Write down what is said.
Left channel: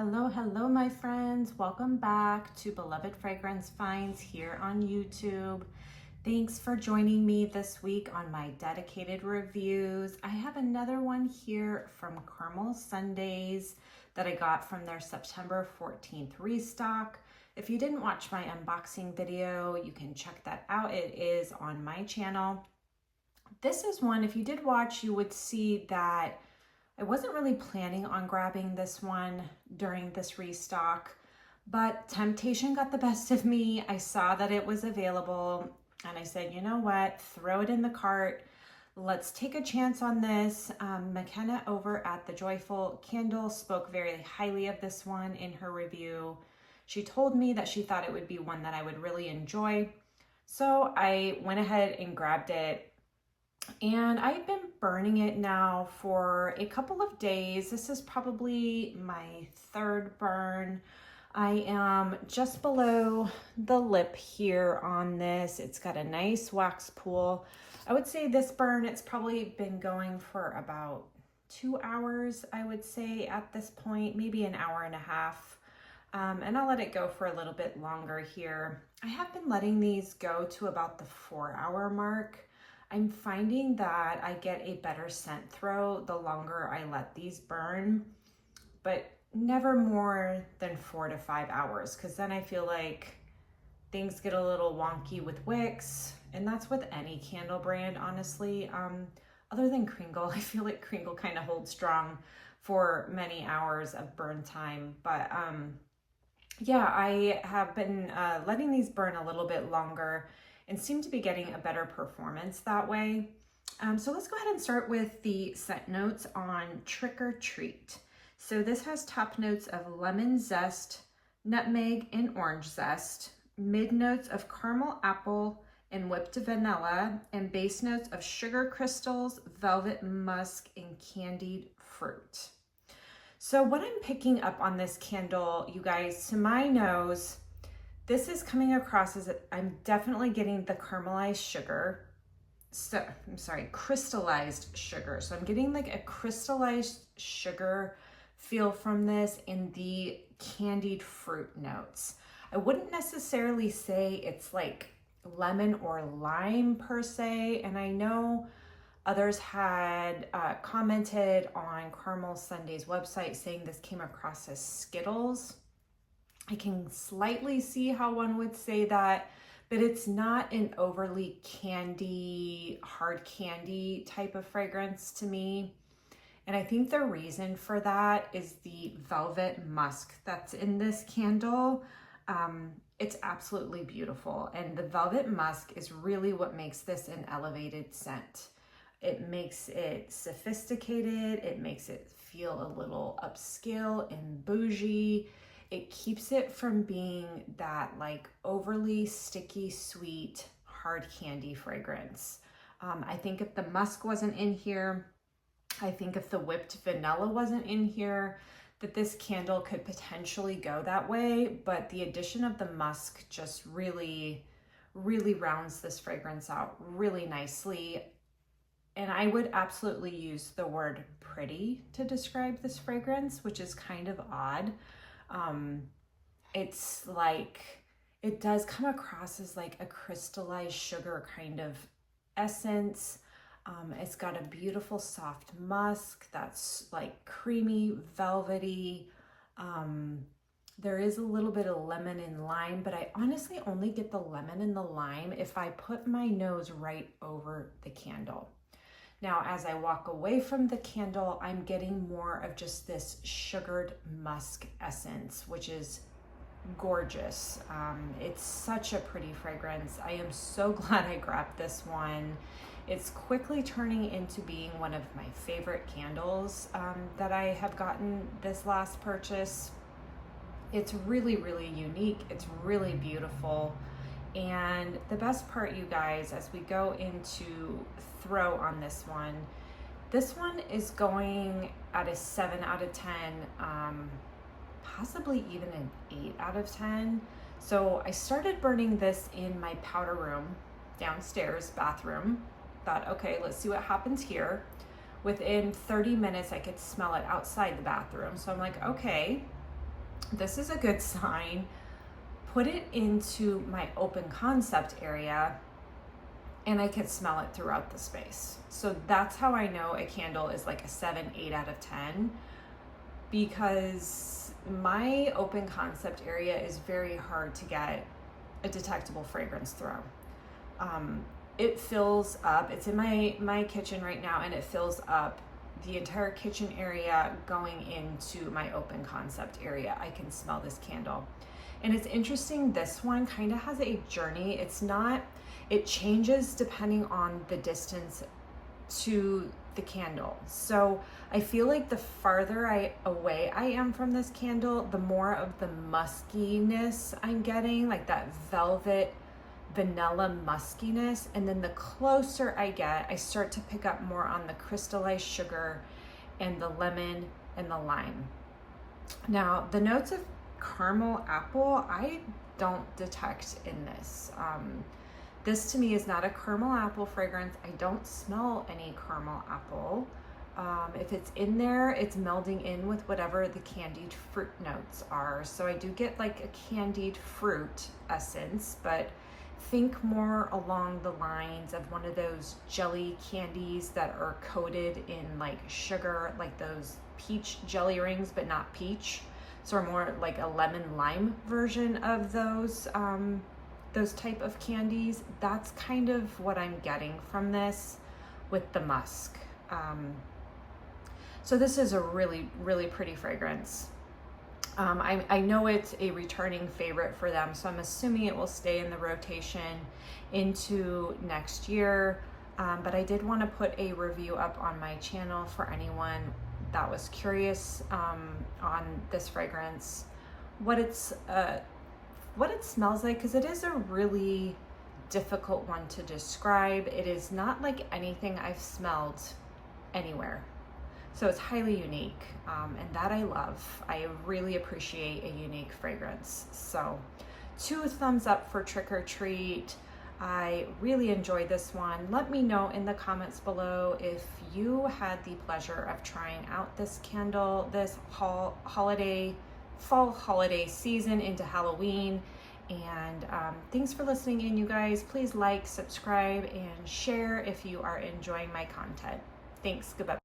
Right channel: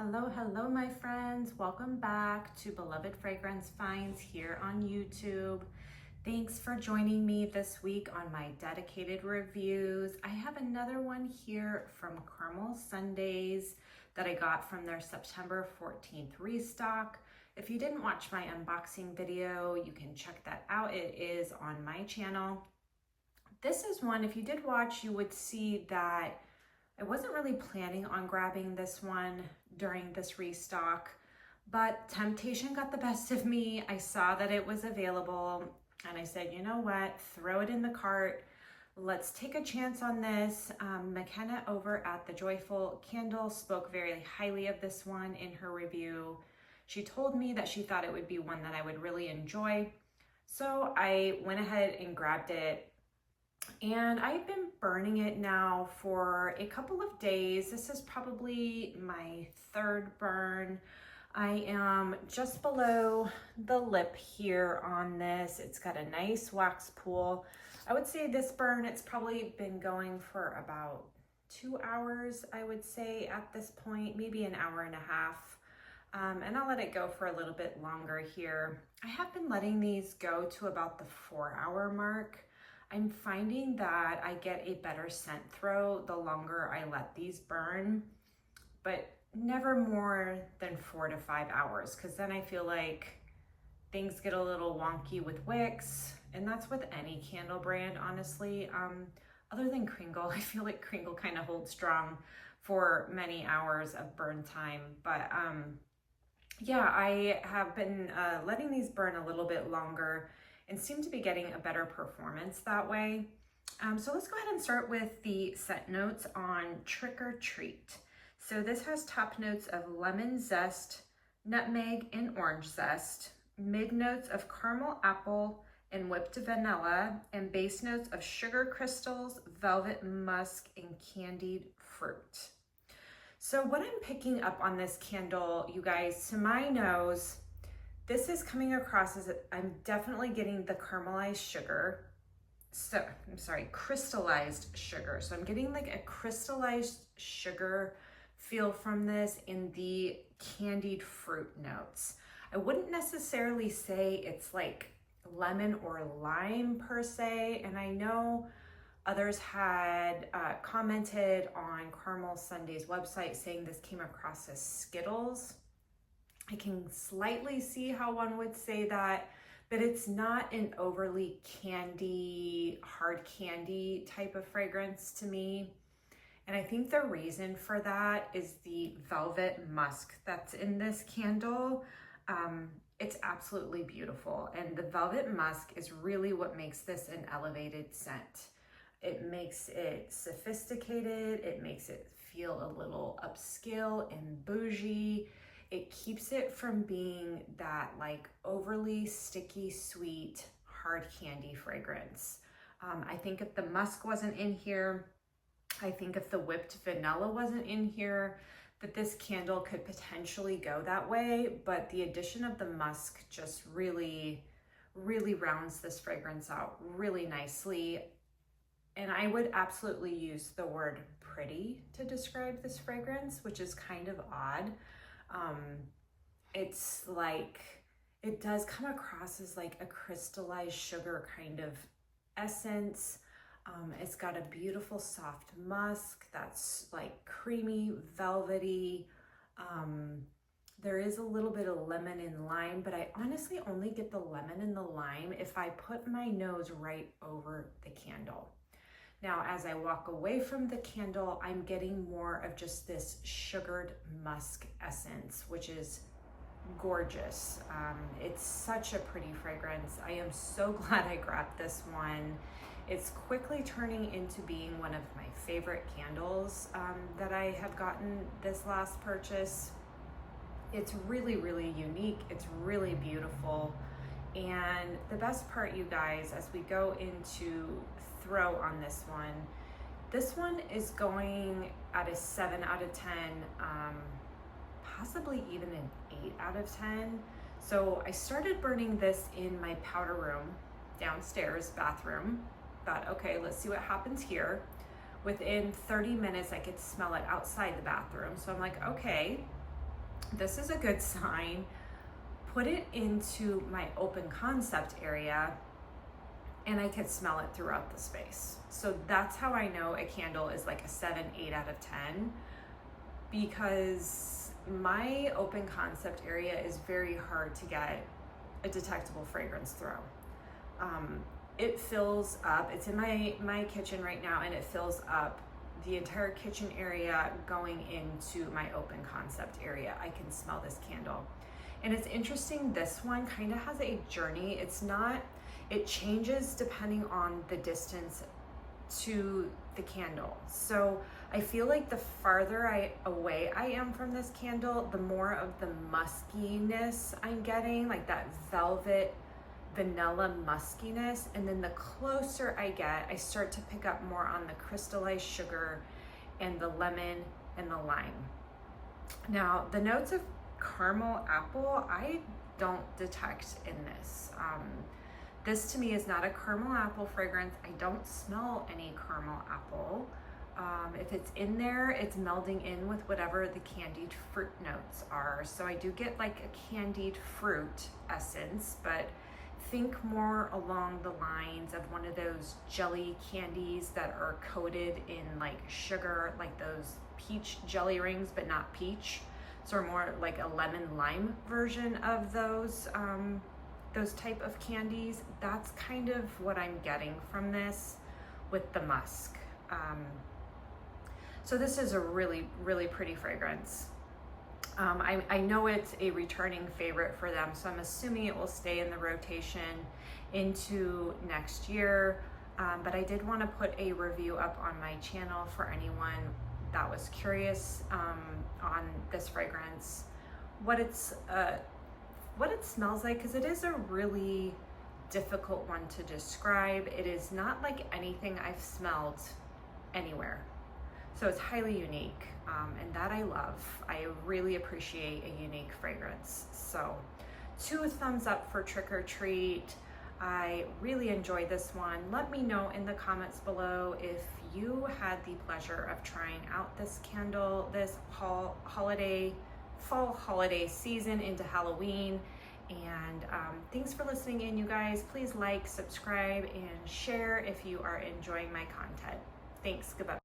Hello, my friends. Welcome back to Beloved Fragrance Finds here on YouTube. Thanks for joining me this week on my dedicated reviews. I have another one here from Caramel Sundays that I got from their September 14th restock. If you didn't watch my unboxing video, you can check that out. It is on my channel. This is one, if you did watch, you would see that I wasn't really planning on grabbing this one during this restock, but temptation got the best of me. I saw that it was available and I said, you know what, throw it in the cart. Let's take a chance on this. McKenna over at The Joyful Candle spoke very highly of this one in her review. She told me that she thought it would be one that I would really enjoy. So I went ahead and grabbed it. And I've been burning it now for a couple of days. This is probably my third burn. I am just below the lip here on this. It's got a nice wax pool. I would say this burn, it's probably been going for about 2 hours, I would say at this point, maybe an hour and a half. And I'll let it go for a little bit longer here. I have been letting these go to about the 4-hour mark. I'm finding that I get a better scent throw the longer I let these burn, but never more than 4 to 5 hours, because then I feel like things get a little wonky with wicks, and that's with any candle brand, honestly. Other than Kringle, I feel like Kringle kind of holds strong for many hours of burn time, but yeah, I have been letting these burn a little bit longer and seem to be getting a better performance that way. So let's go ahead and start with the scent notes on Trick or Treat. So this has top notes of lemon zest, nutmeg and orange zest, mid notes of caramel apple and whipped vanilla, and base notes of sugar crystals, velvet musk, and candied fruit. So what I'm picking up on this candle, you guys, to my nose, this is coming across as I'm definitely getting the caramelized sugar. So I'm sorry, crystallized sugar. So I'm getting like a crystallized sugar feel from this in the candied fruit notes. I wouldn't necessarily say it's like lemon or lime per se. And I know others had commented on Caramel Sunday's website saying this came across as Skittles. I can slightly see how one would say that, but it's not an overly candy, hard candy type of fragrance to me. And I think the reason for that is the velvet musk that's in this candle. It's absolutely beautiful. And the velvet musk is really what makes this an elevated scent. It makes it sophisticated. It makes it feel a little upscale and bougie. It keeps it from being that like overly sticky, sweet, hard candy fragrance. I think if the musk wasn't in here, I think if the whipped vanilla wasn't in here, that this candle could potentially go that way. But the addition of the musk just really, really rounds this fragrance out really nicely. And I would absolutely use the word pretty to describe this fragrance, which is kind of odd. It's like, it does come across as like a crystallized sugar kind of essence. It's got a beautiful soft musk that's like creamy, velvety. There is a little bit of lemon and lime, but I honestly only get the lemon and the lime if I put my nose right over the candle. Now, as I walk away from the candle, I'm getting more of just this sugared musk essence, which is gorgeous. It's such a pretty fragrance. I am so glad I grabbed this one. It's quickly turning into being one of my favorite candles that I have gotten this last purchase. It's really, really unique. It's really beautiful. And the best part, you guys, as we go into throw on this one is going at a 7 out of 10, possibly even an 8 out of 10. So I started burning this in my powder room, downstairs bathroom. Thought, okay, let's see what happens here. Within 30 minutes, I could smell it outside the bathroom. So I'm like, okay, this is a good sign. Put it into my open concept area and I can smell it throughout the space. So that's how I know a candle is like a 7, 8 out of 10, because my open concept area is very hard to get a detectable fragrance through. It fills up, it's in my kitchen right now, and it fills up the entire kitchen area going into my open concept area. I can smell this candle. And it's interesting, this one kind of has a journey. It changes depending on the distance to the candle. So I feel like the farther away I am from this candle, the more of the muskiness I'm getting, like that velvet vanilla muskiness. And then the closer I get, I start to pick up more on the crystallized sugar and the lemon and the lime. Now, the notes of caramel apple, I don't detect in this. This to me is not a caramel apple fragrance. I don't smell any caramel apple. If it's in there, it's melding in with whatever the candied fruit notes are. So I do get like a candied fruit essence, but think more along the lines of one of those jelly candies that are coated in like sugar, like those peach jelly rings, but not peach. So more like a lemon lime version of those type of candies. That's kind of what I'm getting from this with the musk. So this is a really, really pretty fragrance. I know it's a returning favorite for them, so I'm assuming it will stay in the rotation into next year. But I did want to put a review up on my channel for anyone that was curious on this fragrance, what it smells like, because it is a really difficult one to describe. It is not like anything I've smelled anywhere. So it's highly unique, and that I love. I really appreciate a unique fragrance. So 2 thumbs up for Trick or Treat. I really enjoyed this one. Let me know in the comments below if you had the pleasure of trying out this candle this fall holiday season into Halloween. And thanks for listening in, you guys. Please like, subscribe, and share if you are enjoying my content. Thanks. Goodbye.